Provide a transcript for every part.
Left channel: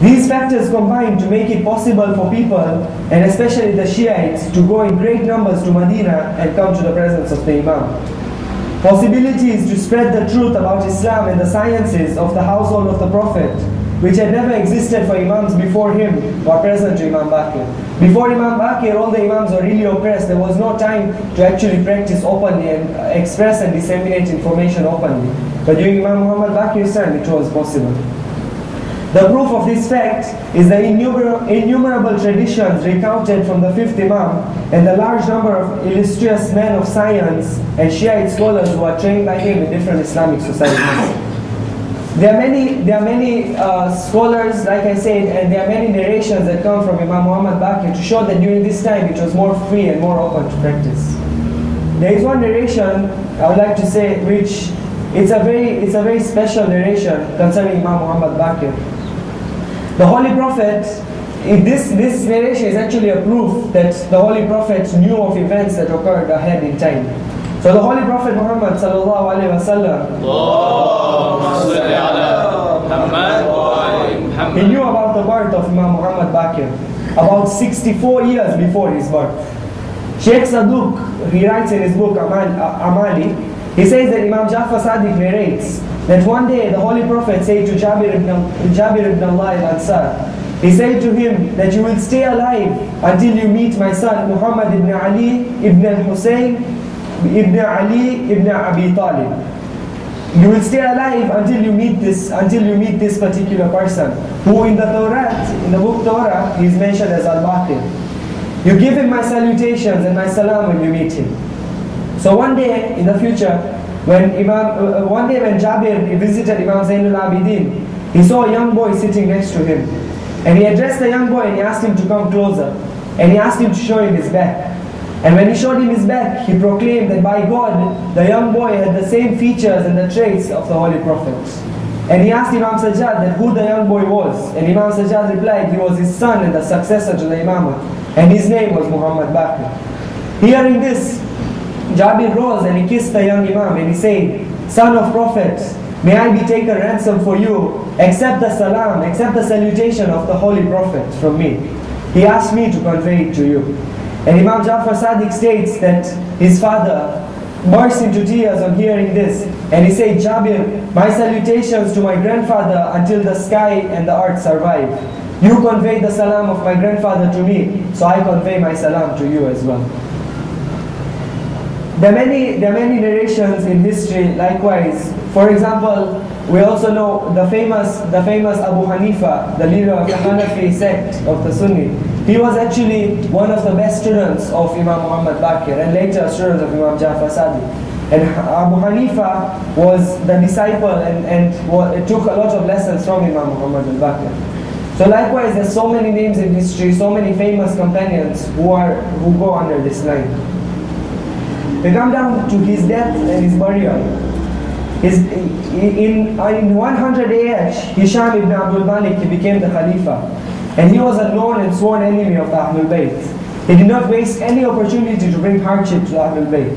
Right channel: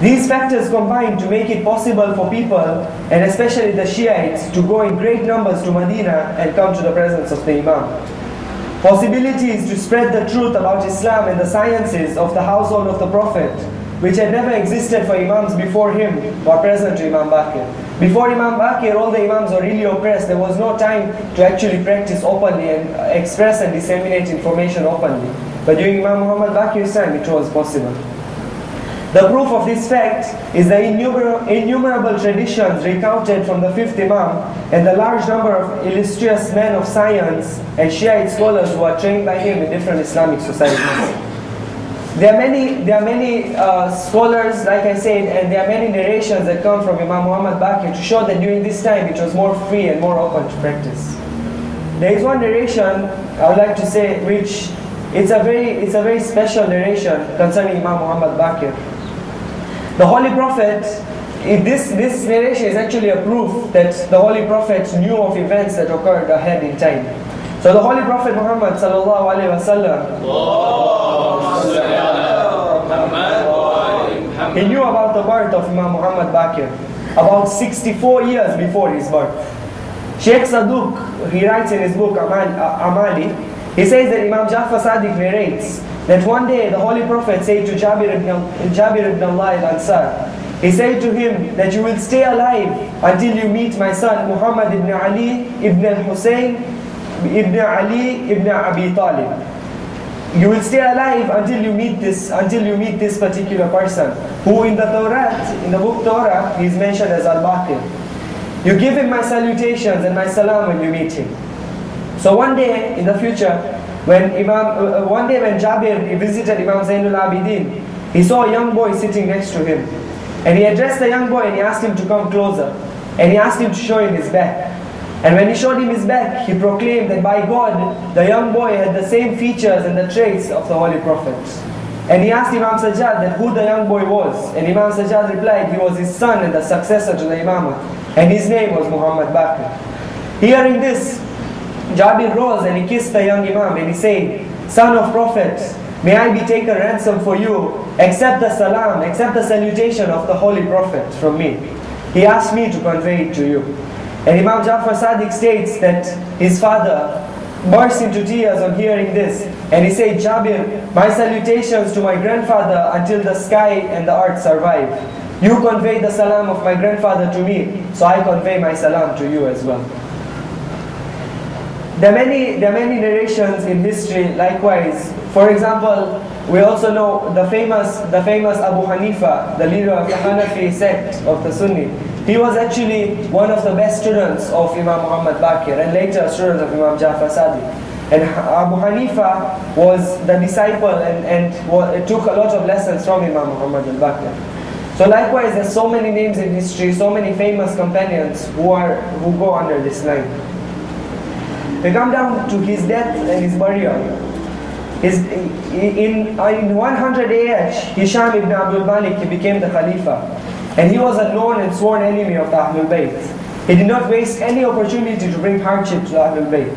These factors combine to make it possible for people, and especially the Shiites, to go in great numbers to Medina and come to the presence of the Imam. Possibilities to spread the truth about Islam and the sciences of the household of the Prophet, which had never existed for Imams before him, were present to Imam Baqir. Before Imam Baqir, all the Imams were really oppressed. There was no time to actually practice openly and express and disseminate information openly. But during Imam Mohamad Baqir's time, it was possible. The proof of this fact is the innumerable traditions recounted from the fifth Imam and the large number of illustrious men of science and Shiite scholars who are trained by him in different Islamic societies. There are many scholars, like I said, and there are many narrations that come from Imam Mohamad Baqir to show that during this time it was more free and more open to practice. There is one narration I would like to say, which it's a very special narration concerning Imam Mohamad Baqir. The Holy Prophet, this narration is actually a proof that the Holy Prophet knew of events that occurred ahead in time. So the Holy Prophet Muhammad sallallahu alaihi wasallam, he knew about the birth of Imam Mohamad Baqir about 64 years before his birth. Sheikh Saduq, he writes in his book Amali, he says that Imam Jafar Sadiq narrates that one day the Holy Prophet said to Jabir ibn Allah al-Ansar, he said to him that you will stay alive until you meet my son Muhammad ibn Ali ibn al-Hussein ibn Ali ibn Abi Talib. You will stay alive until you meet this particular person, who in the Torah, in the book Torah, he is mentioned as Al-Baqir. You give him my salutations and my salam when you meet him. So one day in the future, when Jabir visited Imam Zainul Abidin, he saw a young boy sitting next to him. And he addressed the young boy and he asked him to come closer. And he asked him to show him his back. And when he showed him his back, he proclaimed that by God, the young boy had the same features and the traits of the Holy Prophet. And he asked Imam Sajjad that who the young boy was. And Imam Sajjad replied, he was his son and the successor to the Imamah. And his name was Muhammad Baqir. Hearing this, Jabir rose and he kissed the young Imam and he said, son of Prophet, may I be taken ransom for you, accept the salam, accept the salutation of the Holy Prophet from me. He asked me to convey it to you. And Imam Jafar Sadiq states that his father burst into tears on hearing this. And he said, Jabir, my salutations to my grandfather until the sky and the earth survive. You convey the salam of my grandfather to me, so I convey my salam to you as well. There are many narrations in history likewise. For example, we also know the famous Abu Hanifa, the leader of the Hanafi sect of the Sunni. He was actually one of the best students of Imam Mohamad Baqir and later a student of Imam Jafar Sadiq. And Abu Hanifa was the disciple and took a lot of lessons from Imam Mohamad Baqir. So likewise, there's so many names in history, so many famous companions who go under this line. We come down to his death and his burial. In 100 AH, Hisham ibn Abdul Malik, he became the Khalifa. And he was a known and sworn enemy of the Ahlul Bayt. He did not waste any opportunity to bring hardship to the Ahlul Bayt.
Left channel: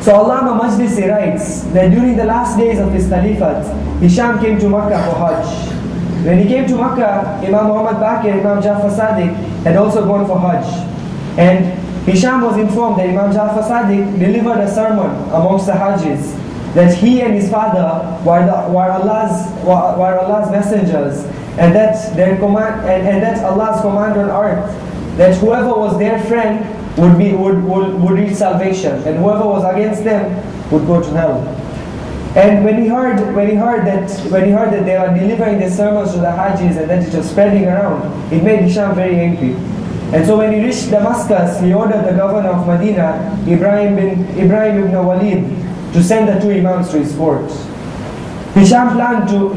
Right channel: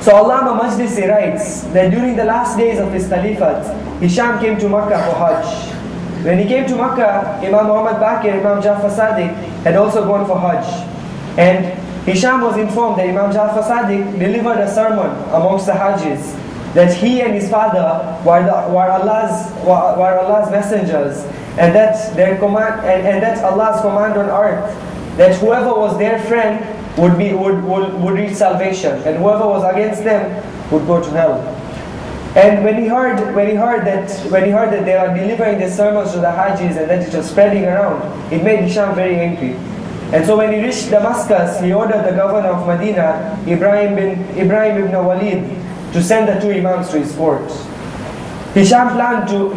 So Allama Majlisi writes that during the last days of his Caliphate, Hisham came to Makkah for Hajj. When he came to Makkah, Imam Mohamad Baqir, Imam Jafar Sadiq had also gone for Hajj. And Hisham was informed that Imam Jafar Sadiq delivered a sermon amongst the Hajjis that he and his father were Allah's messengers, and that Allah's command on earth that whoever was their friend would reach salvation, and whoever was against them would go to hell. And when he heard that they were delivering the sermons to the Hajjis and that it was spreading around, it made Hisham very angry. And so when he reached Damascus, he ordered the governor of Medina, Ibrahim ibn Walid, to send the two imams to his court. Hisham planned to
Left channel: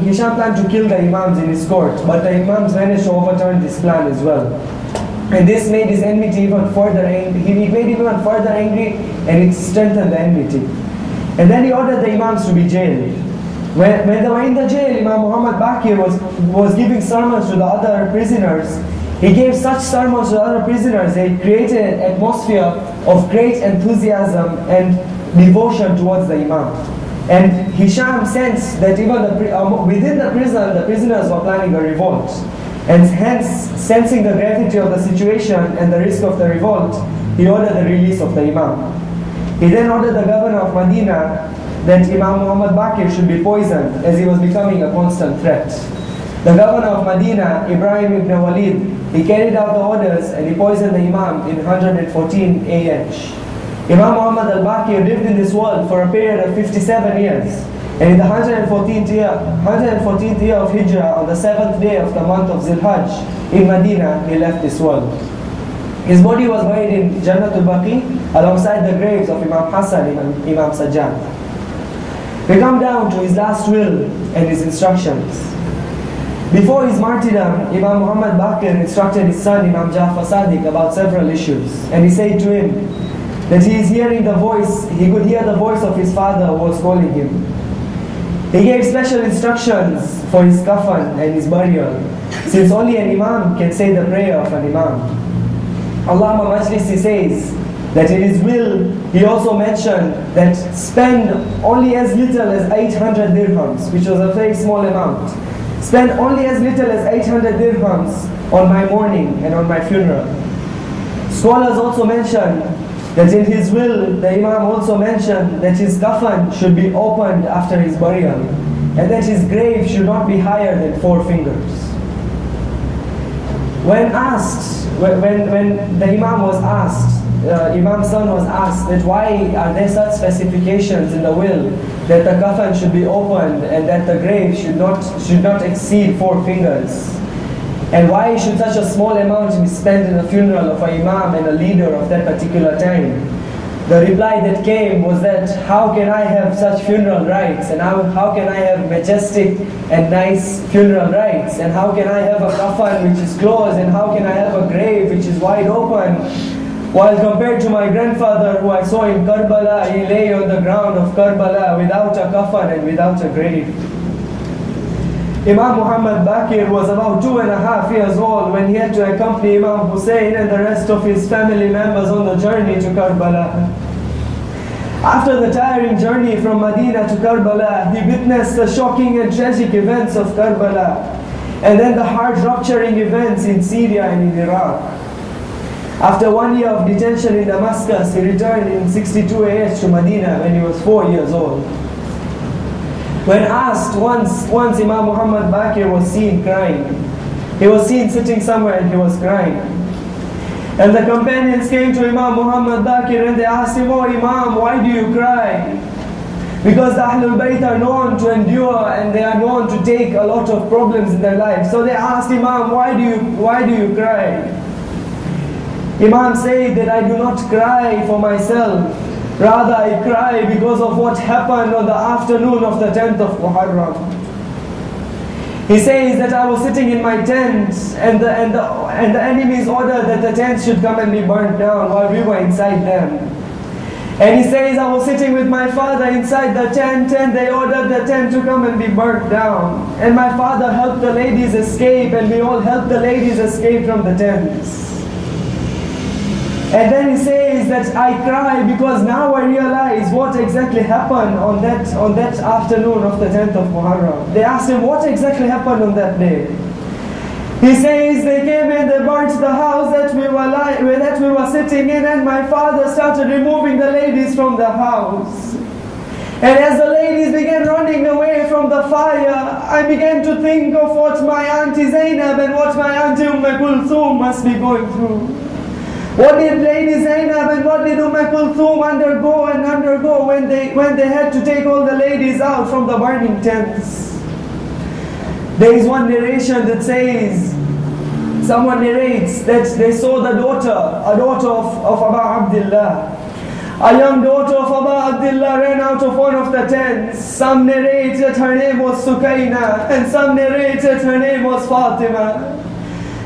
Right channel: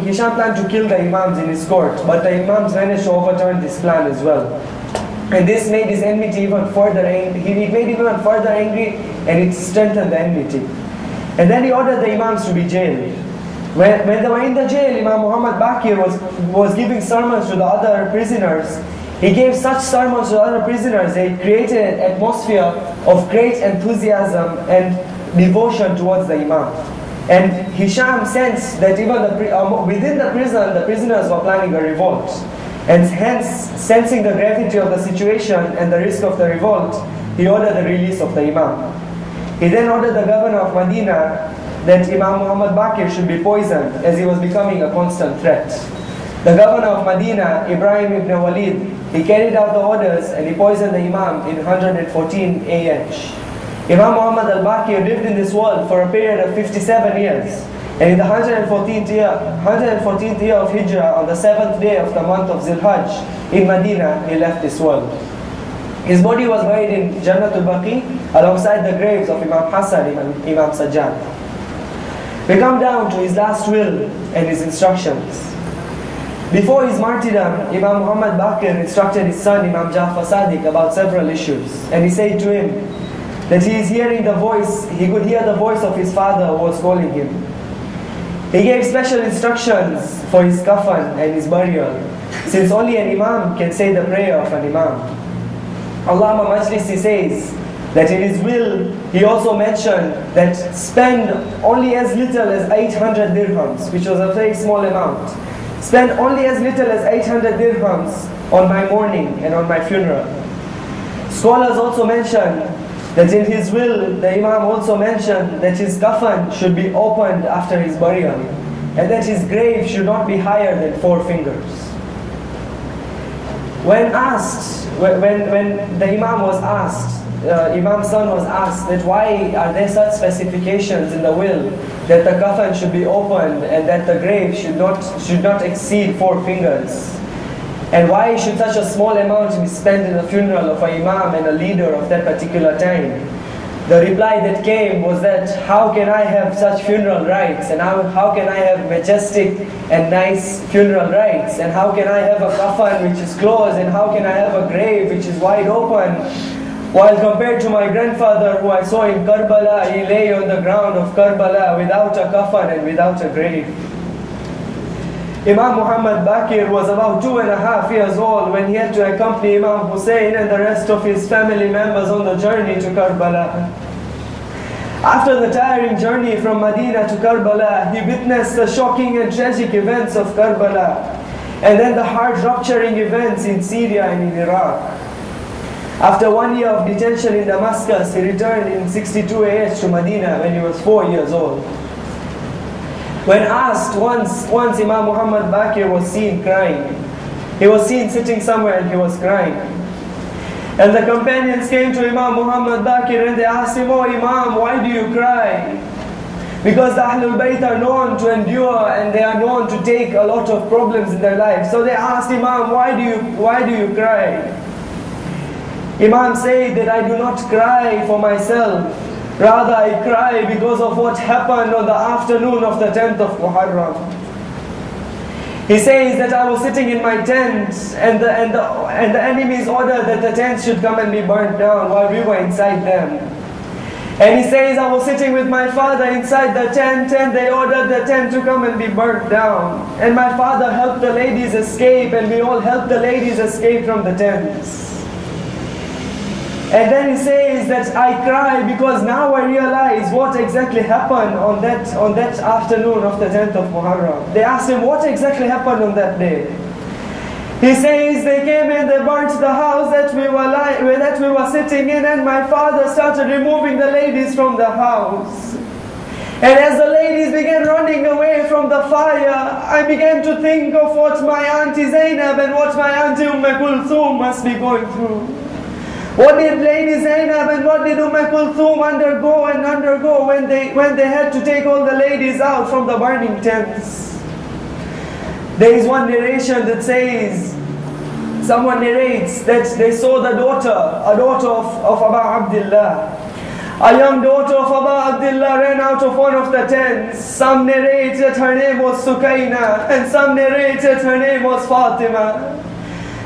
kill the imams in his court, but the imams managed to overturn this plan as well. And this made his enmity even further angry. It made him even further angry, and it strengthened the enmity. And then he ordered the imams to be jailed. When they were in the jail, Imam Mohamad Baqir was giving sermons to the other prisoners. He gave such sermons to the other prisoners that it created an atmosphere of great enthusiasm and devotion towards the Imam. And Hisham sensed that even within the prison, the prisoners were planning a revolt. And hence, sensing the gravity of the situation and the risk of the revolt, he ordered the release of the Imam. He then ordered the governor of Medina that Imam Mohamad Baqir should be poisoned, as he was becoming a constant threat. The governor of Medina, Ibrahim ibn Walid, he carried out the orders and he poisoned the Imam in 114 AH. Imam Mohamad al-Baqir lived in this world for a period of 57 years. And in the 114th year of Hijrah, on the 7th day of the month of Zilhajj, in Medina, he left this world. His body was buried in Jannatul Baqi alongside the graves of Imam Hassan and Imam Sajjad. We come down to his last will and his instructions. Before his martyrdom, Imam Mohamad Baqir instructed his son Imam Jafar Sadiq about several issues. And he said to him that he is hearing the voice, he could hear the voice of his father who was calling him. He gave special instructions for his kafan and his burial, since only an imam can say the prayer of an imam. Allama Majlisi says that in his will, he also mentioned that spend only as little as 800 dirhams, which was a very small amount. Spend only as little as 800 dirhams on my mourning and on my funeral. Scholars also mention that in his will, the Imam also mentioned that his kafan should be opened after his burial, and that his grave should not be higher than 4 fingers. When the Imam was asked, Imam's son was asked that why are there such specifications in the will that the kafan should be opened and that the grave should not exceed 4 fingers? And why should such a small amount be spent in the funeral of an imam and a leader of that particular time? The reply that came was that how can I have such funeral rites, and how can I have majestic and nice funeral rites, and how can I have a kafan which is closed, and how can I have a grave which is wide open, while compared to my grandfather who I saw in Karbala, he lay on the ground of Karbala without a kafan and without a grave. Imam Mohamad Baqir was about 2.5 years old when he had to accompany Imam Hussein and the rest of his family members on the journey to Karbala. After the tiring journey from Medina to Karbala, he witnessed the shocking and tragic events of Karbala, and then the heart-rupturing events in Syria and in Iraq. After 1 year of detention in Damascus, he returned in 62 AH to Medina when he was 4 years old. When asked once Imam Mohamad Baqir was seen crying. He was seen sitting somewhere and he was crying. And the companions came to Imam Mohamad Baqir and they asked him, "Oh Imam, why do you cry?" Because the Ahlul Bayt are known to endure and they are known to take a lot of problems in their life. So they asked Imam, why do you cry? Imam said that I do not cry for myself. Rather, I cry because of what happened on the afternoon of the 10th of Muharram. He says that I was sitting in my tent and the enemies ordered that the tent should come and be burnt down while we were inside them. And he says I was sitting with my father inside the tent and they ordered the tent to come and be burnt down. And my father helped the ladies escape and we all helped the ladies escape from the tents. And then he says that I cry because now I realize what exactly happened on that afternoon of the 10th of Muharram. They asked him what exactly happened on that day. He says they came and they burnt the house that we were sitting in, and my father started removing the ladies from the house. And as the ladies began running away from the fire, I began to think of what my auntie Zainab and what my auntie Kulthum must be going through. What did Lady Zainab and what did Kulthum undergo when they had to take all the ladies out from the burning tents? There is one narration that says, someone narrates that they saw a daughter of Abu Abdullah. A young daughter of Abu Abdullah ran out of one of the tents. Some narrate that her name was Sukaina and some narrate that her name was Fatima.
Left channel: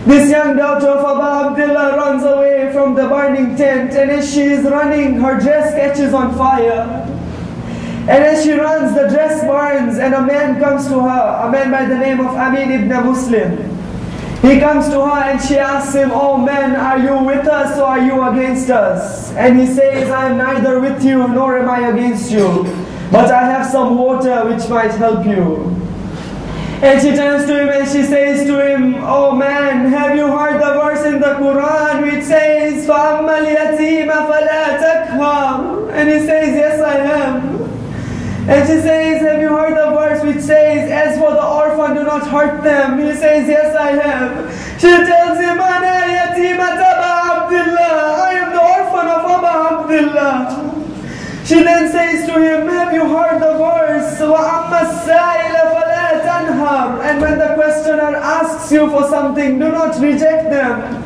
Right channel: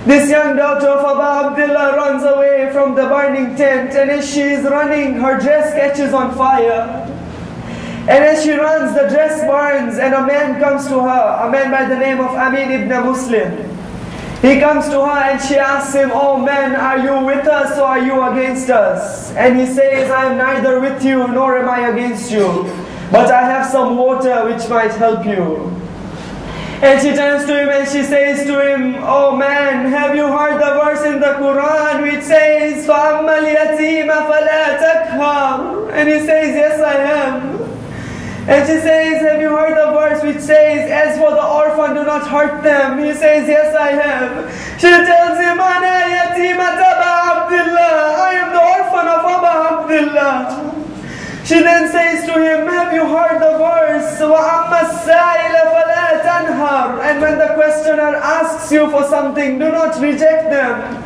This young daughter of Abu Abdullah runs away from the burning tent, and as she is running, her dress catches on fire. And as she runs, the dress burns, and a man comes to her, a man by the name of Amin ibn Muslim. He comes to her and she asks him, "Oh man, are you with us or are you against us?" And he says, "I am neither with you nor am I against you. but I have some water which might help you. And she turns to him and she says to him, oh man, have you heard the verse in the Quran which says, فَأَمَّا الْيَتِيمَ فَلَا تَقْهَرْ? And he says, yes, I have. And she says, have you heard the verse which says, as for the orphan, do not hurt them? He says, yes, I have. She tells him, أَنَا يَتِيمَةَ أَبَا عَبْدِ اللَّهِ, I am the orphan of Aba Abdullah. She then says to him, have you heard the verse, وَأَمَّا السَّائِلَ فَلَا تَنْهَرْ? And when the questioner asks you for something, do not reject them.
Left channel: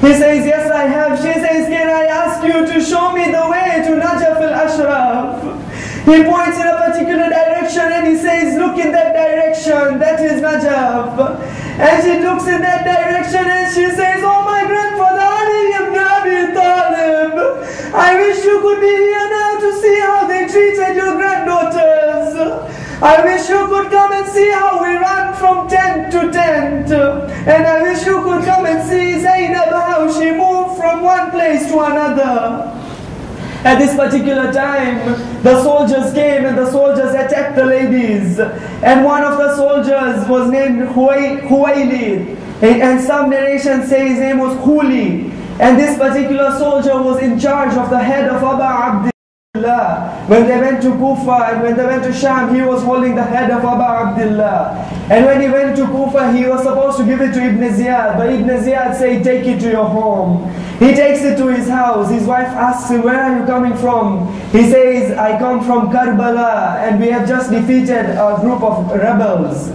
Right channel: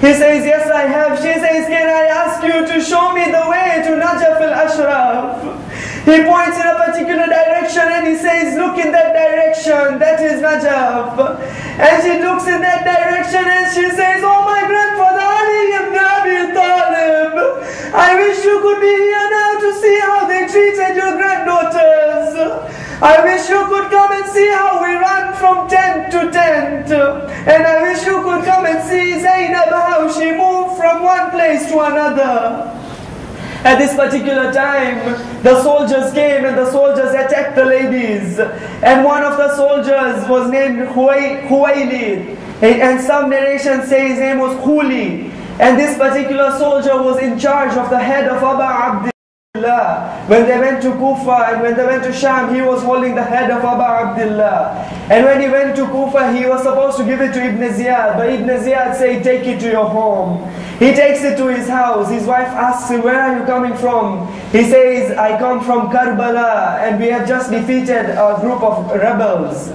He says, yes, I have. She says, can I ask you to show me the way to Najaf al-Ashraf? He points in a particular direction and he says, look in that direction, that is Najaf. And she looks in that direction and she says, oh my grandfather Ali ibn Abi Talib, I wish you could be here now to see how they treated your granddaughters. I wish you could come and see how we run from tent to tent. And I wish you could come and see Zainab, how she moved from one place to another. At this particular time, the soldiers came and the soldiers attacked the ladies. And one of the soldiers was named Huwaili. And some narration say his name was Huli. And this particular soldier was in charge of the head of Aba Abdullah. When they went to Kufa and when they went to Sham, he was holding the head of Aba Abdullah. And when he went to Kufa, he was supposed to give it to Ibn Ziyad. But Ibn Ziyad said, take it to your home. He takes it to his house. His wife asks him, where are you coming from? He says, I come from Karbala and we have just defeated a group of rebels.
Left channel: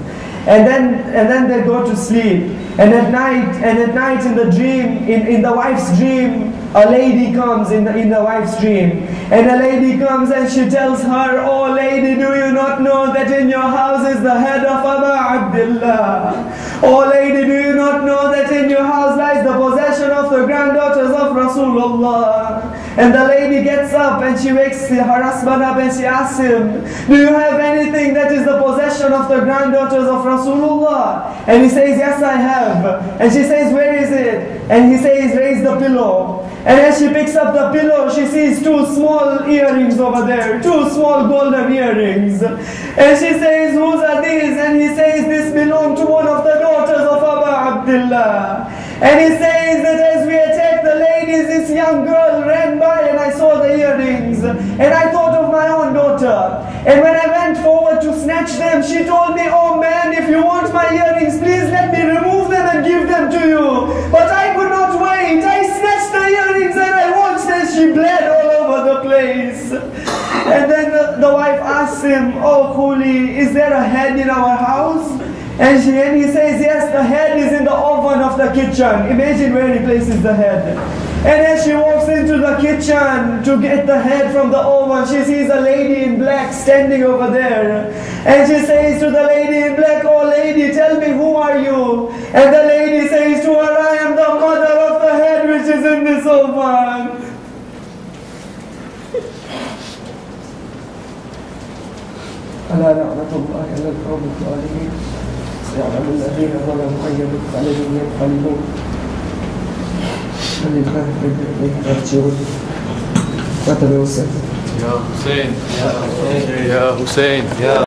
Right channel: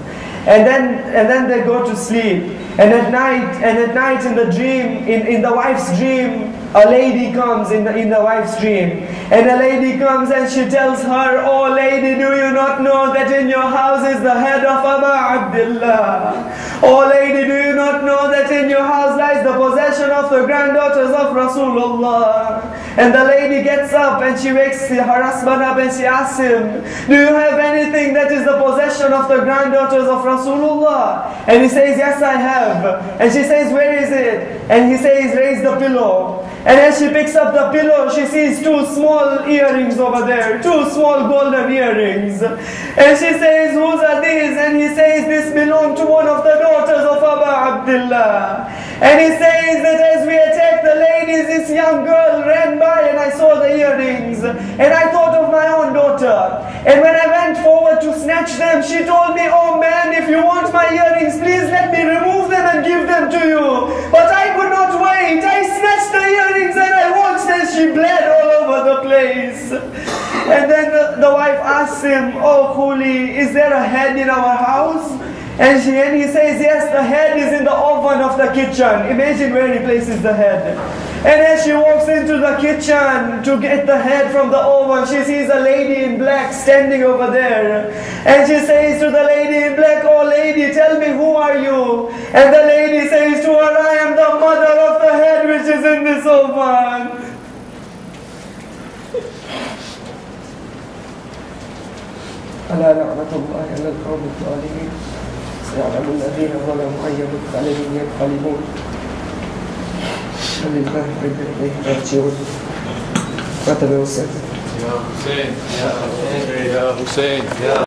And then they go to sleep. And at night in the dream, in the wife's dream, a lady comes in the wife's dream. And a lady comes and she tells her, oh lady, do you not know that in your house is the head of Aba Abdullah? Oh lady, do you not know that in your house lies the possession of the granddaughters of Rasulullah? And the lady gets up and she wakes her husband up and she asks him, do you have anything that is the possession of the granddaughters of Rasulullah? And he says, yes, I have. And she says, where is it? And he says, raise the pillow. And as she picks up the pillow, she sees two small earrings over there, two small golden earrings. And she says, whose are these? And he says, this belonged to one of the daughters of Aba Abdullah. And he says that as we attacked the ladies, this young girl ran by and I saw the earrings. And I thought of my own daughter. And when I went forward to snatch them, she told me, oh man, if you want my earrings, please let me remove them and give them to you. But I could not wait. I snatched the earrings and I watched as she bled all over the place. And then the wife asks him, oh Khuli, is there a head in our house? And he says, yes, the head is in the oven of the kitchen. Imagine where he places the head. And as she walks into the kitchen to get the head from the oven, she sees a lady in black standing over there. And she says to the lady in black, oh lady, tell me, who are you? And the lady says to her, I am the mother of the head which is in this oven. ألا لعنة الله على القوم الظالمين سيعلم الذين ظلموا أي منقلب ينقلبون لله إليه راجعون. كتب حسين. يا حسين يا حسين يا حسين يا